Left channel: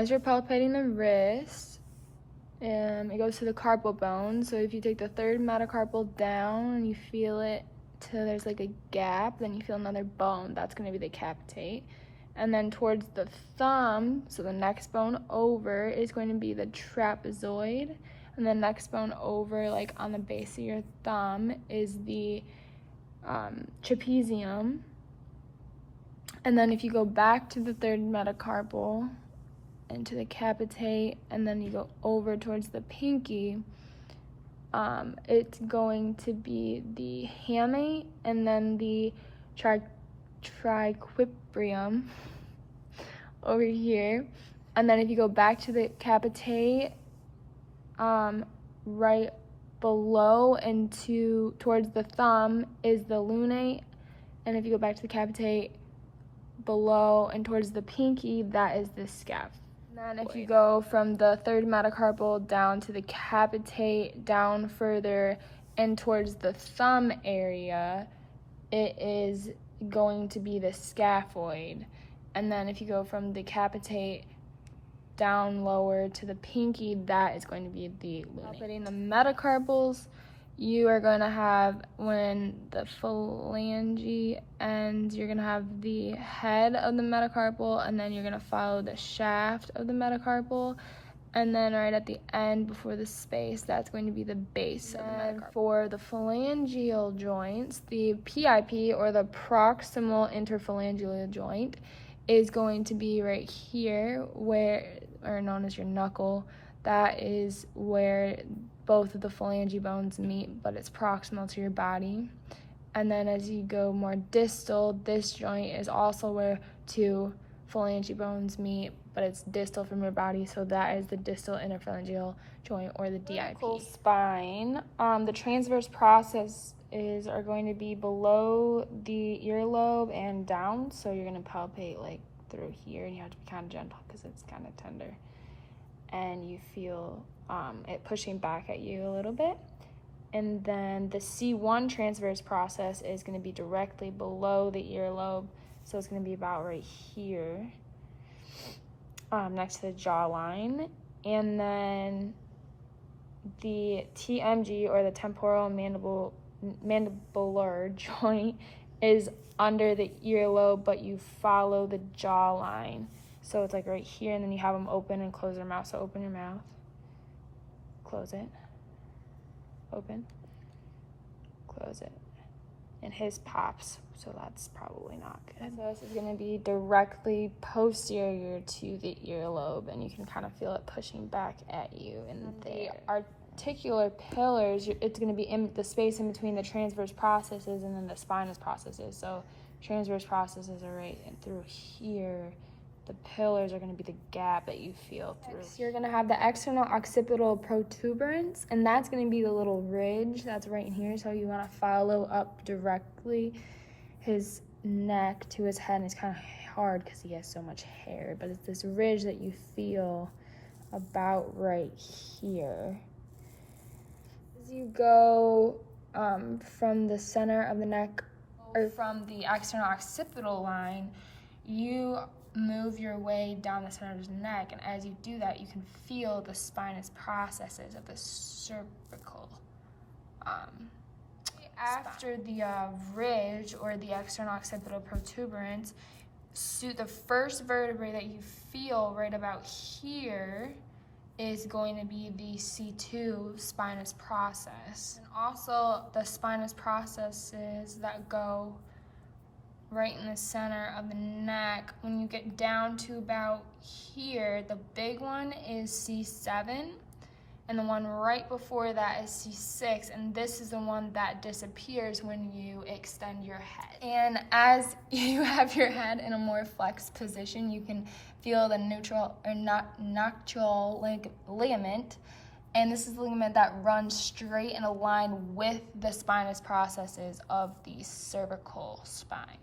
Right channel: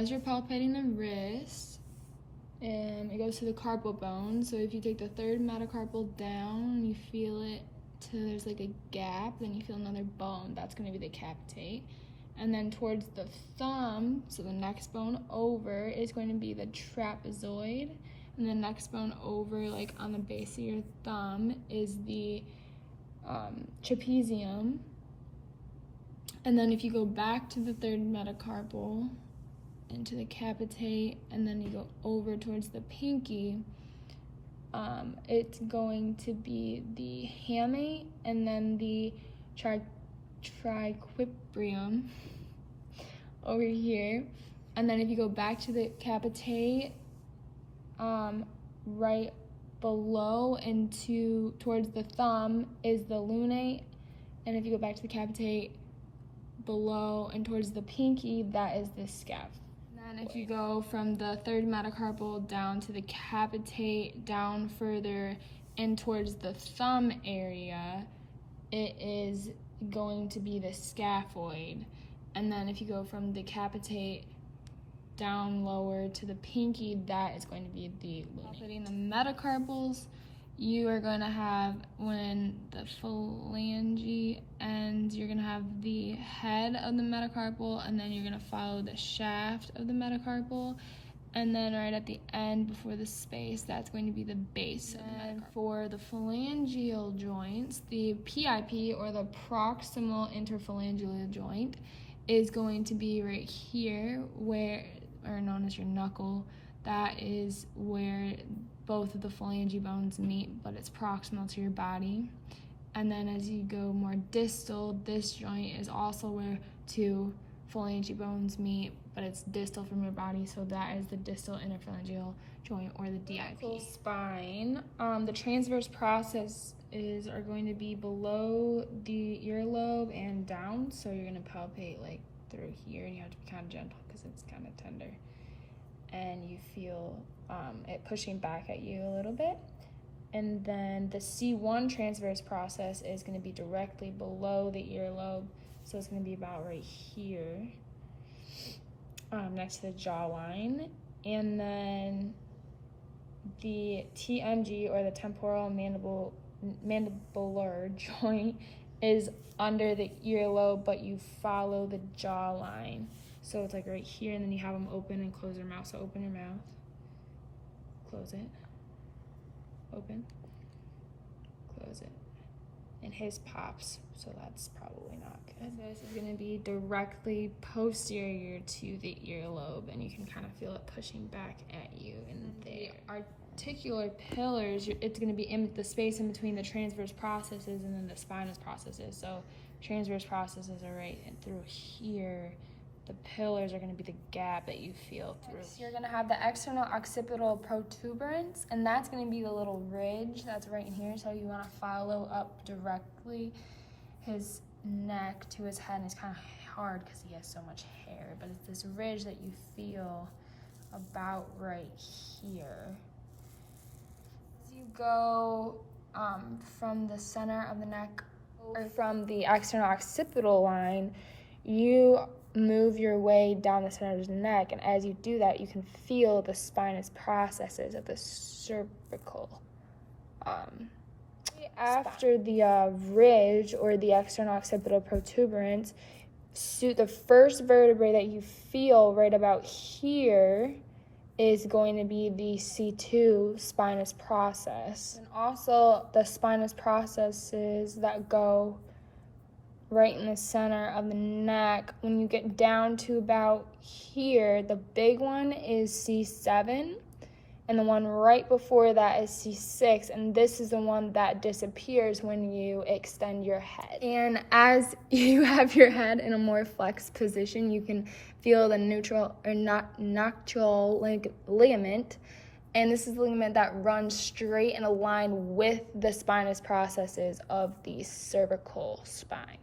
As you're palpating the wrist, it goes to the carpal bone. So if you take the third metacarpal down and you feel it till there's like a gap, then you feel another bone. That's going to be the capitate. And then towards the thumb, so the next bone over is going to be the trapezoid. And the next bone over, like on the base of your thumb, is the trapezium. And then if you go back to the third metacarpal into the capitate, and then you go over towards the pinky, it's going to be the hamate and then the triquebrium over here. And then if you go back to the capitate, right below and towards the thumb is the lunate. And if you go back to the capitate, below and towards the pinky, that is the scaphoid. And then if you go from the third metacarpal down to the capitate, down further and towards the thumb area, it is going to be the scaphoid. And then if you go from the capitate down lower to the pinky, that is going to be the lunate. Palpating the metacarpals, you are going to have, when the phalange ends, you're going to have the head of the metacarpal, and then you're going to follow the shaft of the metacarpal, and then right at the end before the space, that's going to be the base of the metacarpal. For the phalangeal joints, the PIP, or the proximal interphalangeal joint, is going to be right here, or known as your knuckle. That is where both of the phalange bones meet, but it's proximal to your body. And then as you go more distal, this joint is also where two phalange bones meet, but it's distal from your body, so that is the distal interphalangeal joint, or the DIP. Spine, the transverse processes are going to be below the earlobe and down, so you're going to palpate like through here, and you have to be kind of gentle because it's kind of tender. And you feel it pushing back at you a little bit. And then the C1 transverse process is going to be directly below the earlobe, so it's going to be about right here, next to the jawline. And then the TMG, or the temporal mandibular joint, is under the earlobe, but you follow the jawline. So it's like right here, and then you have them open and close their mouth. So open your mouth, close it, open, close it. And his pops, so that's probably not good. So this is gonna be directly posterior to the earlobe, and you can kind of feel it pushing back at you. And the articular pillars, it's gonna be in the space in between the transverse processes and then the spinous processes. So transverse processes are right through here. The pillars are going to be the gap that you feel through. Next, you're going to have the external occipital protuberance, and that's going to be the little ridge that's right in here. So you want to follow up directly his neck to his head, and it's kind of hard because he has so much hair, but it's this ridge that you feel about right here. As you go from the center of the neck, or from the external occipital line, you move your way down the center of the neck, and as you do that, you can feel the spinous processes of the cervical. After the ridge, or the external occipital protuberance, the first vertebrae that you feel right about here is going to be the C2 spinous process. And also the spinous processes that go right in the center of the neck. When you get down to about here, the big one is C7, and the one right before that is C6, and this is the one that disappears when you extend your head. And as you have your head in a more flexed position, you can feel the noctural ligament, and this is the ligament that runs straight in a line with the spinous processes of the cervical spine.